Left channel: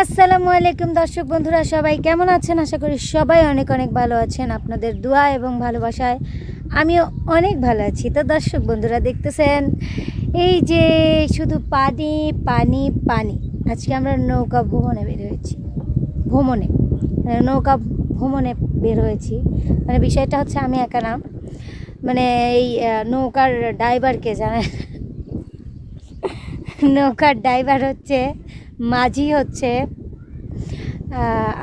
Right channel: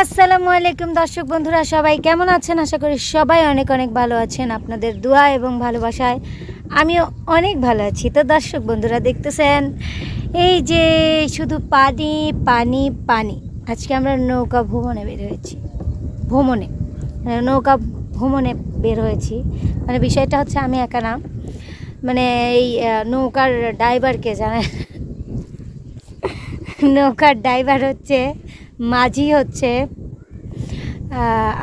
আসসালামু আলাইকুম দর্শক বন্ধুরা, সবাই কেমন আছেন? আশা করি সবাই অনেক অনেক ভালো আছেন। আপনাদের দোয়া এবং ভালোবাসায় আমিও অনেক ভালো আছি। তো দর্শক বন্ধুরা, দেখতেছেন এই যে শুধু পানি পানি পানি। আজকে আমরা নৌকা ভ্রমণে বের হয়েছি। নৌকা ভ্রমণে বের হয়েছি। মানে বিষয়টা হচ্ছে আমি একা না, মানে এই নৌকার ড্রাইভারকে জানেন, নৌকার ড্রাইভার হচ্ছে মাঝি, হচ্ছে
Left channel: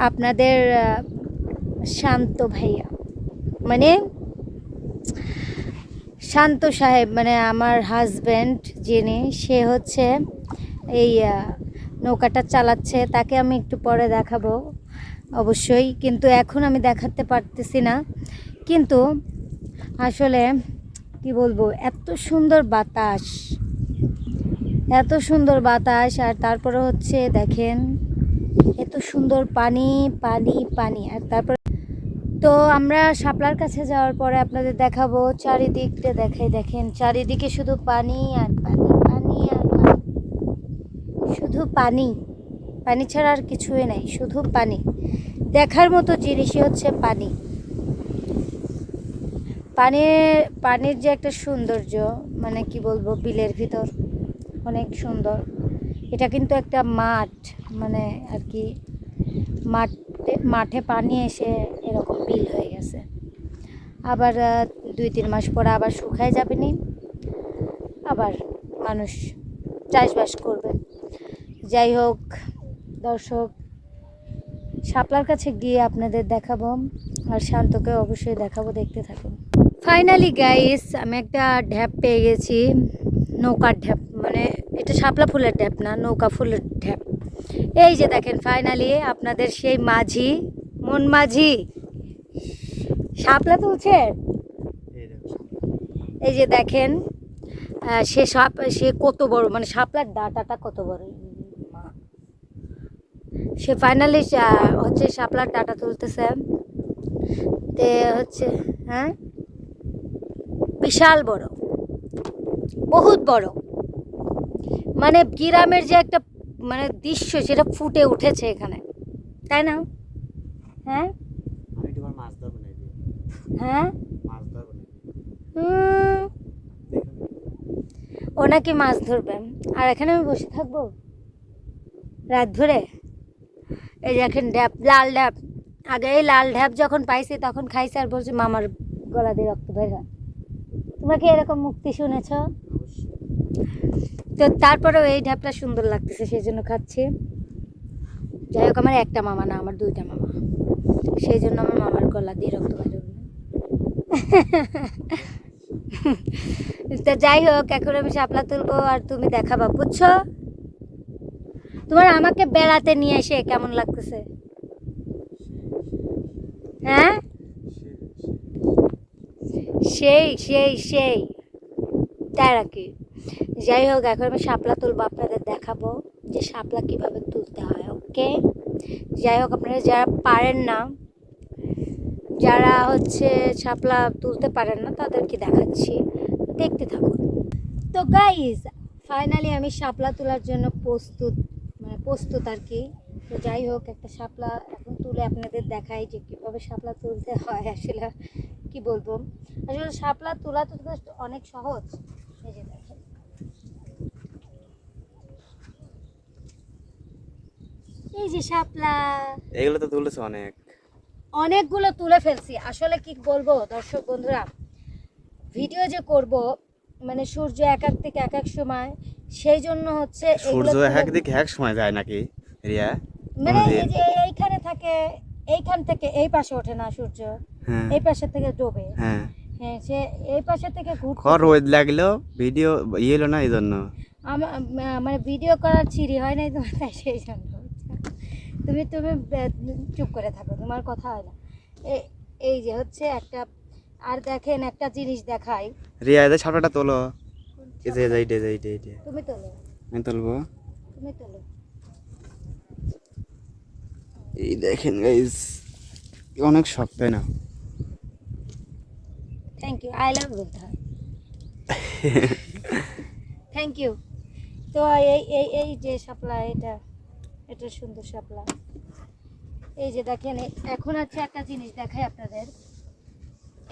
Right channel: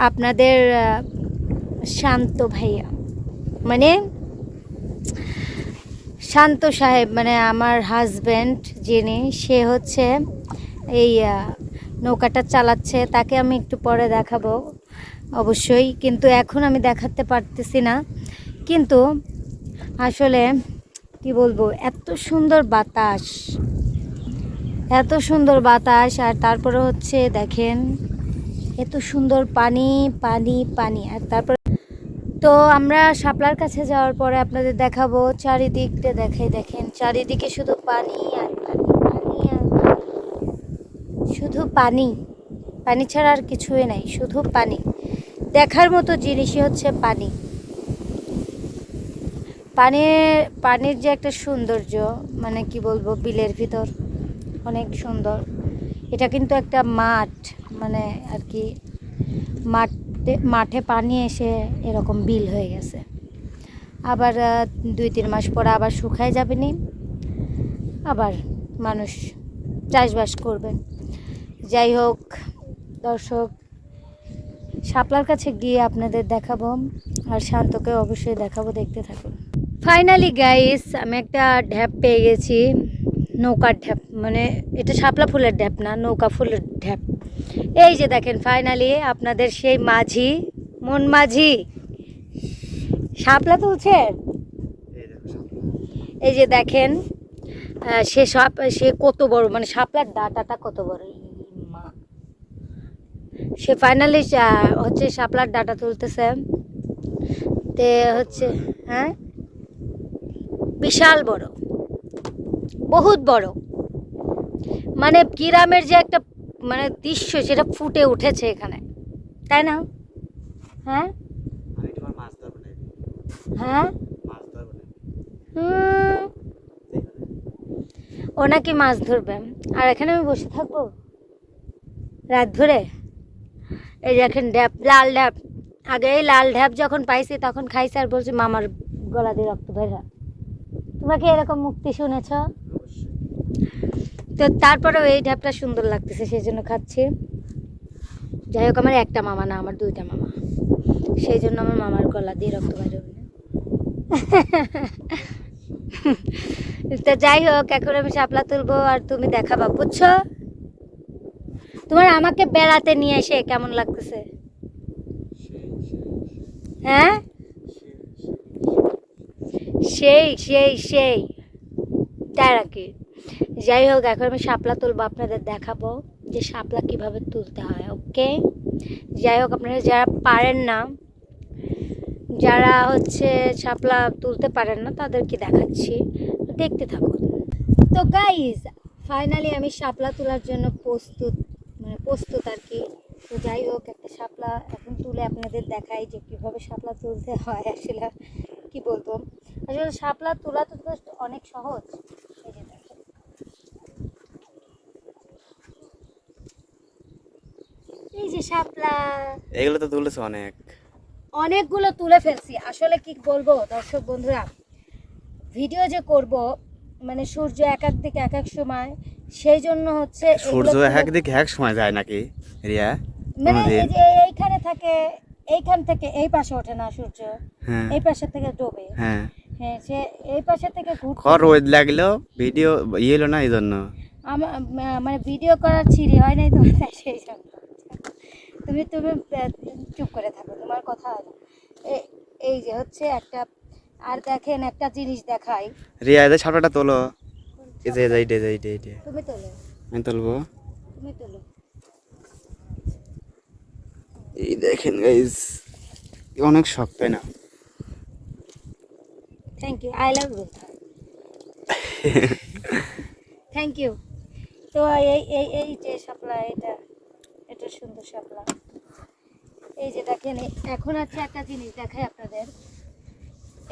আপনাদের শান্ত ভাইয়া, মানে শান্ত সাহেব, মানে আমার হাজব্যান্ড যিনি, সে হচ্ছে এই নৌকাটা চালাচ্ছে। তাকে আমি একটু পরে দেখাবো অবশ্যই, কিন্তু এখন আমি দেখাতে পারতেছি না। কিন্তু আসলে কি বলবো, এত সুন্দর বাতাস, এত সুন্দর বাতাস, আর তারপরে হচ্ছে দেখেন এত সুন্দর পানি পানি পানি। আর তারপর তো আমরা শাপলার কাছে যাওয়ার পরে আপনাদের দেখাবো, চারিদিকটা দেখাই। দেখেন চারিদিকে শুধু পানি আর পানি, পানি আর পানি, শুধু পানি, পানি ছাড়া আর কিছুই নাই, শুধু পানি। দেখার মতো জিনিসই হচ্ছে পানি। পানির যে একটা সৌন্দর্য, মানে কি বলবো, বিলের ভিতর অনেক সুন্দর। এটা কিন্তু একটা মাঠ, মানে আর কি মাঠে পানি এসে এরকম বিল হয়ে গেছে। আবার 2-3 মাস পরে আবার শুকায় যাবে নি, আবার মানুষ চাষবাস করবে। যাই হোক দর্শক, শাপলার কাছে গিয়ে আপনাদের দেখাবো, আর শান্তকে অবশ্যই দেখাবো, দেখতে থাকুন। ফাইনালি গাইস, আমি একটা ঢ্যাপ পেয়ে গেছি, নৌকার ঢ্যাপ। মানে এটা শাপলা ফুলের ঢ্যাপ না, নৌকা ফুলের ঢ্যাপ। এই যে দেখেন ফাইনালি আপনাদের সেই মাঝি, মন মাঝি শাপলা তুলছে। এই যে দেখেন সে কত বড়, মানে শাপলার ডাঁটাটা কত বড়, মা। সে ফাইনালি হচ্ছে শাপলার ডাঁটা তুলতেছে। তে হচ্ছে, হ্যাঁ, বিশাল বড়, বহুত বড়। মানে গ্রামের যে একটা মানে দৃশ্য, সেটা ফুটে উঠেছে এখানে, তাই না? হ্যাঁ হ্যাঁ, ও নাকি মাছ ধরবে, আর এখানে আমি বসে থাকবো রাত ধরে। এই দেখেন ড্যাপ, লাল ড্যাপ। আগে এই লাল ঢ্যাপ যখন পাইছি তখন খাইছি, আর বলছি মামার গলা দিয়ে রক্ত বের হয়। তোমরা কি এরকম মুক্তি শুনেছ? তো তারপরেও এই ঢ্যাপটা সুন্দর লাগতেছে, সেই জন্য খাচ্ছি। যাই হোক, আমার একটা মামা না, আমার 2টা মামা, সেই জন্য আমার মামার গলা দিয়ে রক্ত বের হবে না। তো যাই হোক, এখন আমি শাপলা তুলবো আর তুমি দেখাবা, বুঝছো? তোমার আমাকে বেড়াতে নিয়ে এসে কেমন লাগতেছে? হ্যাঁ, সেই সেই সেই, তাই নাকি? যাই হোক, এখন আমি শাপলা তুলবো, আপনাদের দেখাবো যে শাপলা কিভাবে তুলতে হয়। ওকে, যাই হোক, আপনারা যারা পারেন না, যারা হচ্ছে শাপলা তুলতে পারেন না, তাদেরকে দেখাচ্ছি, দেখতে থাকুন। তো গাইজ, ফাইনালি আমি শাপলা তোলার জন্য প্রস্তুত, মানে প্রস্তুত আর কি। তো যাই হোক, একটা শাপলা এখন তুলে আপনাদের দেখাই যে কীভাবে শাপলা তুলতে হয়। আসলে কি বলবো, আসলে শাপলা তোলা তো অনেক সহজ। এই যে দেখেন, এই যে শাপলা, এগুলো তো তুলেছে অনেকগুলো তুলে ফেলছি। আসলে কি বলবো দর্শক বন্ধুরা, ভিডিও যে করব, মানে সূর্য এক এক দিকে এক এক সময়, সেই জন্য হচ্ছে সূর্য এক দিকে এক সময় যায় নাকি রিয়া? মানে এই যে এইখানে থাকে, এইখান থেকে এই পাশে ওঠে না সূর্য, এই পাশে থেকে ডোবে। হ্যাঁ, সে এই পাশে থেকে ঘুরতে রোদ লাগলো, ভিডিও হলো না, এই জন্য আমার মানে ভিডিও করার ছিঁড়ি হয় নাই তোমার, তাই সেই জন্য। তুমি তুমি চুপ করে থাকো, তোমার কথা হয় না। এই যে হচ্ছে একটা, আর দেখেন একটা জিনিস দেখাই। রিয়া, এদের ছাপড়াটা তোলো। এই যে তুমি তোলো, আমি তুলবো। তুমি তোলো। এই দেখেন গাইস, অনেক শক্ত, তাই না? Thank you, I love you. Thank you. তো এই এই এই যে শাপলা, এটা এটা সুন্দর শাপলা। এই যে দেখেন এখন আছে একটা জিনিস দেখাই আপনাদের।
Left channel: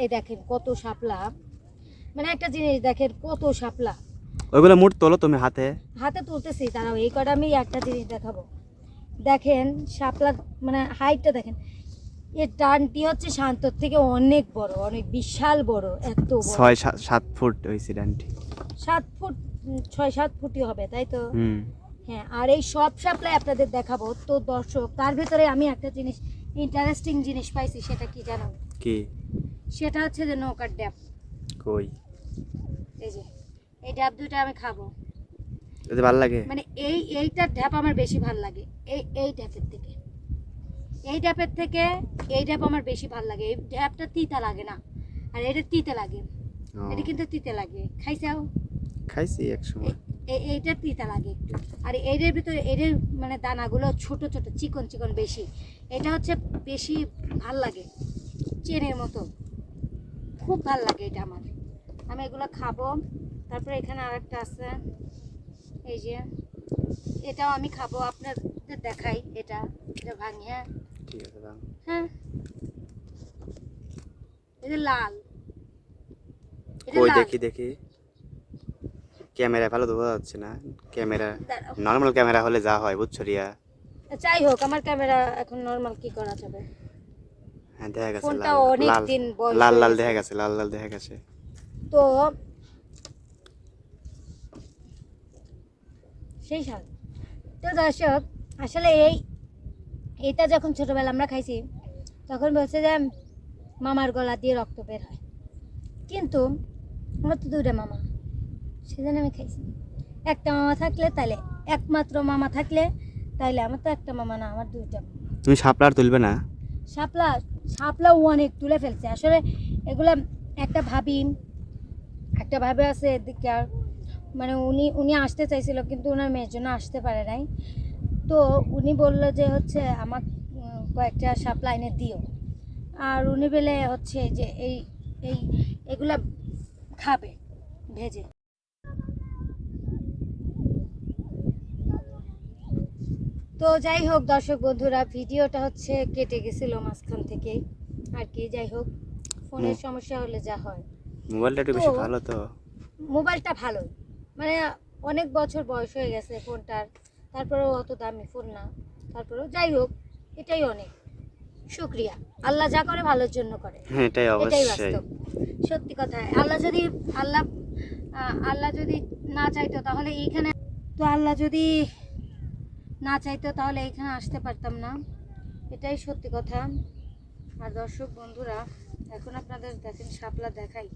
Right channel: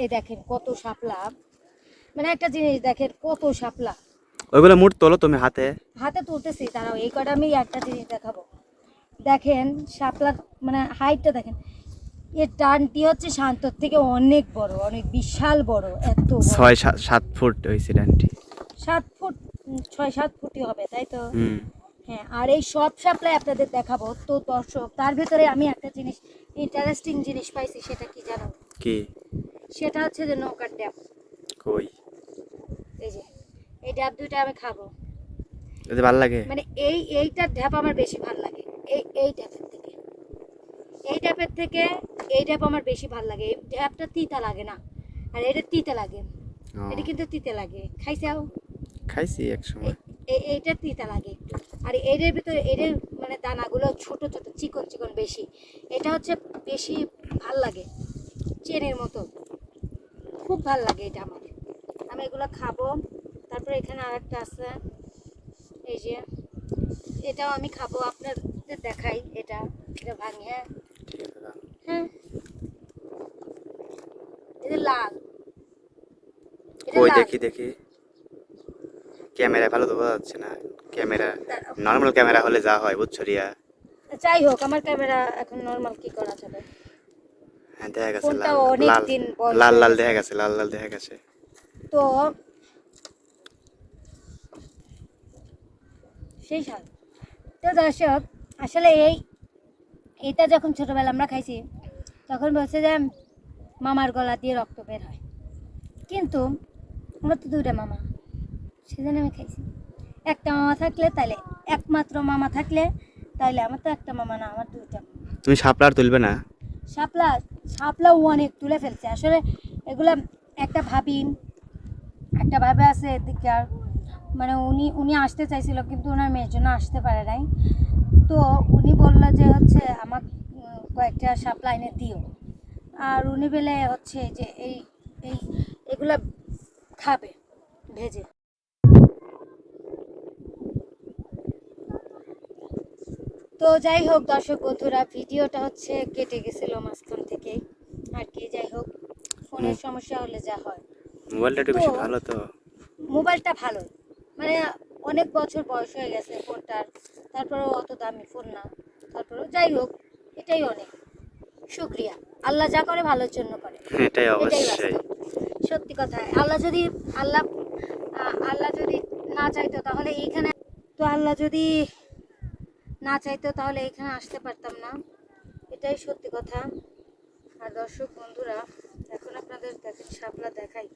এই দেখেন কত শাপলা, মানে একটা জিনিস দেখেন কত শাপলা। ওইগুলো মুঠ তোলো তুমি হাতে। হাতে তুলতেছি, তারাও এই কটা আমি একটা জিনিস দেখাবো। দেখেন শাপলার মানে হাইটটা দেখেন, এর ডানটি হচ্ছে শান্তর থেকে অনেক বড়, অনেক বিশাল বড়, এত বড়। 6-7 ফুট হয়েছে ডানটি। 7 ফুট 6-7 ফুটই হবে, তাই তো? হুম। হ্যাঁ, আর এই সব শাপলাই আপনাদের দেখাবো তো দর্শক। তার ভিতরে আমি একটা জিনিস ইন্টারেস্টিং জিনিস পাইছি, সেটা কি জানো? কি? সেটা হচ্ছে যে নৌকার ড্যাব। কই? এই যে এই ড্যাব দুইটা আমি খাবো। যদি ভালো লাগে। মানে এইটার ঢ্যাপ আমার বেশি ভালো লাগে, এই ঢ্যাপের থেকে। এই ঢ্যাপের থেকে এই ঢ্যাপ আমার বেশি ভালো লাগে। এই ঢ্যাপটা তিতা লাগে না, আর এটা তিতা লাগে। ও, এটা কিন্তু তিতা লাগে, খাইছাও? খাইছি এক সময়। এইটা তিতা লাগে একটু। আর এর ভিতরে এর মানে দানাগুলো ছোট ছোট চিকন চিকন বেশি। এটা হচ্ছে বেশি ভাল লাগে, চেনের মতো। খুব ভাল লাগে এটা আমার। আমি এগুলো খাবো। তারপরে এখানে আরেকটা আছে, এই যে এটাও আমি খাবো, আপনাদের দেখাই। এটা এটা ভাঙি। হ্যাঁ ঠিক আছে দাও। হ্যাঁ, এটা লাল। এটা কই লাল। দেখি দেখি। ক্যামেরা ভালো তো বোঝা যাচ্ছে না। ক্যামেরা নর্মাল ক্যামেরা হলে যা হয় বুঝছো রিয়া। যাই হোক, আমার ক্যামেরা এখন নর্মাল, কি করা যাবে? হ্যাঁ দেখা গেছে ফোনটা লাল অনেক লাল দিন বয়স লাল হয়ে লাল গেছে। দেখা গেছে, লাল লাল দেখা গেছে। তো সেই সাল। তো দর্শক, আসলে এইটা যখন ছোটবেলা আমরা খাইছি, তখন বলছে যে মামার গলা দিয়ে রক্ত বের হয়। কিন্তু আমার তো দুইটা মামা, সেজন্য আমি খাইছি। একটা মামা থাকলে তাইলে, একমাত্র মামা থাকলে তাইলে, আমার তো একটা মামা না, আমার দুইটা মামা। তুমি শাপলা আর তুলবে না? শাপলা শাপলাও অনেক তুলে ফেলছে আসলে। এগুলা একটা ভাবে আছে এদিকে। আর মানে উনি আসতে চাইছিল, কিন্তু ওনার মেয়ের জন্য আসতে পারে নাই। তো উনি বললো যে হচ্ছে আমার কয়েকটা শাপলা এনে দিও। আর উনি বলে হচ্ছে যে এই এই এগুলা খাবে ভেজে। তো যাই হোক দর্শক বন্ধুরা, ভিডিওটা হচ্ছে কেটে গেছিল মাঝখান থেকেই আর কি। যাই হোক, ফোনের সমস্যা হলে যা হয়। মোবাইলটা একটু বেশি ভালো তো। মোবাইলটা ভালো, মানে অনেক বছর বয়স হয়ে গেছে ফোনটার, তারপরেও অত দামি ফোন না। তারপরেও যাই হোক, এটাই অনেক। শুক্রিয়া, আল্লাহ যা করে ভালোর জন্য করে, এটাই এটাই অবশ্যই। বাস্তব সত্যি কথা। আল্লাহ যদি না চাইতো তাহলে এইখানে, তো আল্লাহ যদি না চাইতো তাহলে এখানে আসতে পারতাম না, এটাই সত্যি কথা। আর দর্শক বন্ধুরা, এখন আপনাদের দেখেন শাপলা দেখাই।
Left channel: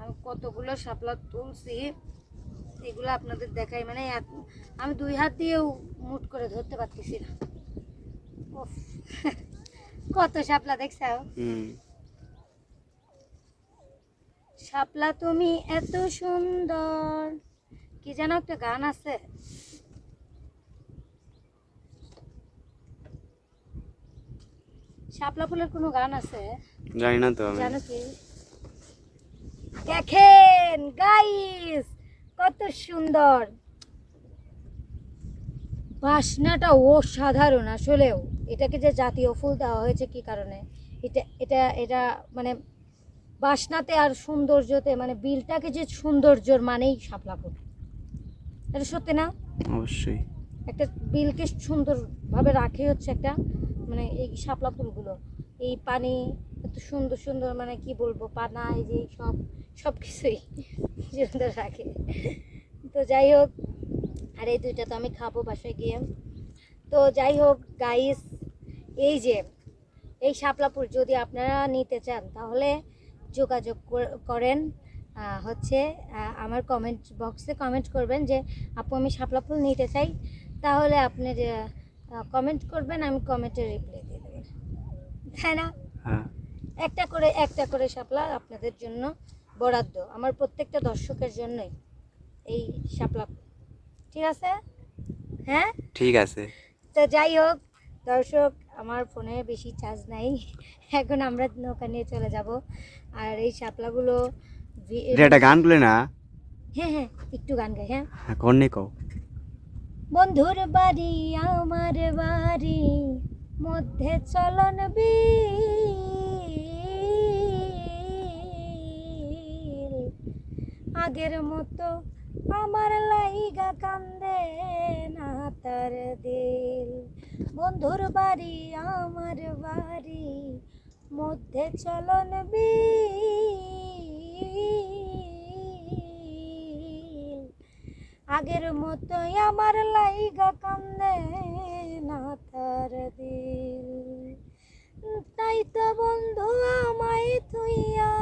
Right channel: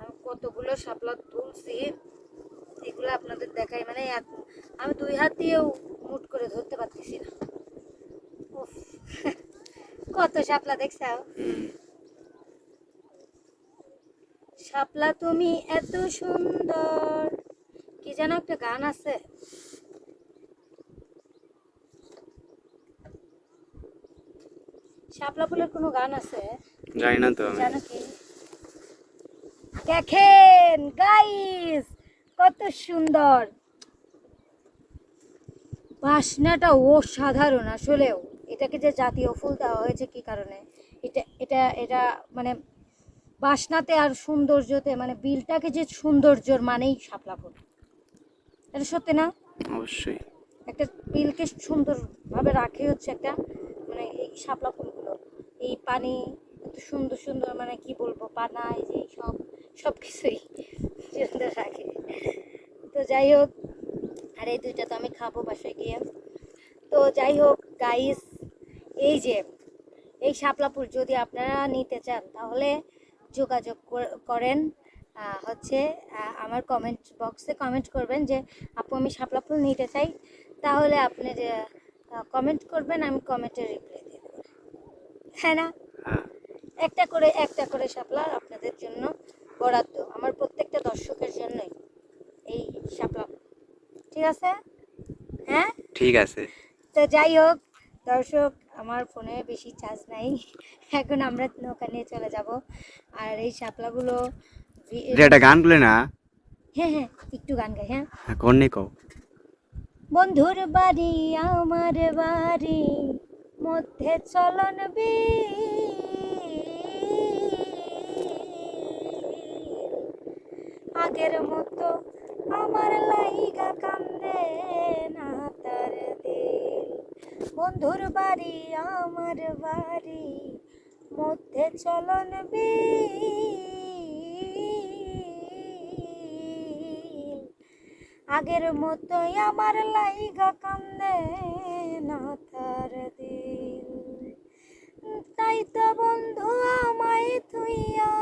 আমি কতগুলো শাপলা তুলছি, এগুলো আপনাদের দেখাই। মানে আমি 2 হাত দিয়েও মুট করে ধরতে পারতেছি না। উফ, কত শাপলা দেখছো? হুম। শাপলা তুমি এত সুন্দর, কি যেন একটা গান আছে। শাপলা ফুলের কোনো গান আছে? জানি না তো আমি। জানো কি? দেখেন গাইস, কত সুন্দর বাসনাটা, অসাধারণ আসলেও। এটাকে যে জাতীয় ফুল দেওয়া হয়েছে কি কারণে, এটা এটা এটা মানে বাসনাতে আর সৌন্দর্যতে, মানে বিলটাকে যে সৌন্দর্যর মানেই শাপলা ফুল। এটা সত্যি না? অবশ্যই। একটা বিলকে সুন্দরভাবে রাখে হচ্ছে একটা, মানে এই শাপলা ফুলগুলো। এই পানি এত সুন্দর সুন্দর, মানে কি বলবো, পানা, এই যে সব কিছুই সুন্দর রাখে। তো যাই হোক, আর এই দুইটা তো আমি খাবো বাসায় গিয়ে। তো যাই হোক গাইস, এই যে এই শাপলা ফুল যদি আপনারা নিতে চান তাহলে যোগাযোগ করেন। হচ্ছে আমার কমেন্ট বক্সে কমেন্ট করবেন যে আপু আমি শাপলা ফুল নিতে চাই। তাহলে আপনি কমেন্ট করবেন, আমি কমেন্টে রিপ্লাই দিয়ে দেবো, তাই না? হ্যাঁ। একটা করে শাপলা আপনাদের জন্য বরাদ্দ, আমার প্রত্যেকটা দর্শকের জন্যই এই শাপলা। ঠিক আছে? হ্যাঁ ঠিক আছে। তো যাই হোক দর্শক, আমার ফোনে বেশি চার্জ নাই, এখন আমরা নৌকা নিয়ে চলে যাব। আর এই শাপলাগুলো এটা গান বলে না? হ্যাঁ হ্যাঁ, একটু গান গাই। হ্যাঁ, হ্যাঁ কোন নেই কও। বন্ধুর বাড়ি আমার বাড়ি মধ্যে চলন বিল, আগের মতো আমার লাইগা কান্দে না তার দিল। বন্ধুর বাড়ি আমার বাড়ি মধ্যে চলন বিল, আগের মতোই আমার লাইগা কান্দে না তার দিল। তাই তো বন্ধু আমায় তুইয়া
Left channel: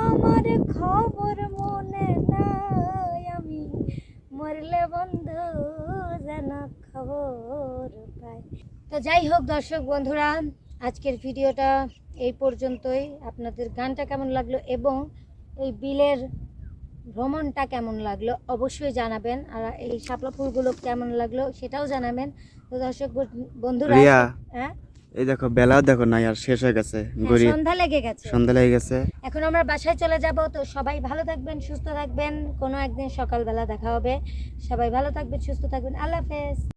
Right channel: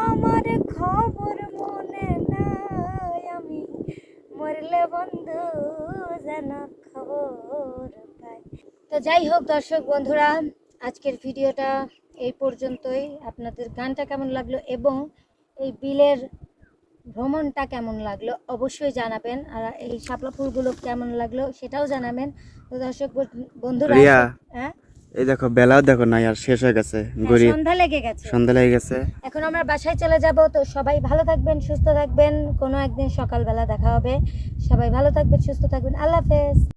আমার খবর মনে নাই, আমি মরলে বন্ধু যেন খবর পাই। তো যাই হোক দর্শক বন্ধুরা, আজকের ভিডিওটা এই পর্যন্তই। আপনাদের গানটা কেমন লাগলো এবং এই বিলের ভ্রমণটা কেমন লাগলো অবশ্যই জানাবেন, আর এই শাপলা ফুলগুলো কেমন লাগলো সেটাও জানাবেন। তো দর্শক বন্ধুরা, রিয়া, হ্যাঁ এই দেখো বেলাও দেখো না আর শেষ হয়ে গেছে, গরিব সন্ধ্যা লেগে গেছে, সন্ধ্যা লেগে গেছে। এখন আমরা বাসায় চলে যাব। তো সবাই ভালো থাকবেন, সুস্থ থাকবেন, কোনো একদিন সকালবেলা দেখা হবে। সবাই ভালো থাকবেন, সুস্থ থাকবেন, আল্লাহ হাফেজ।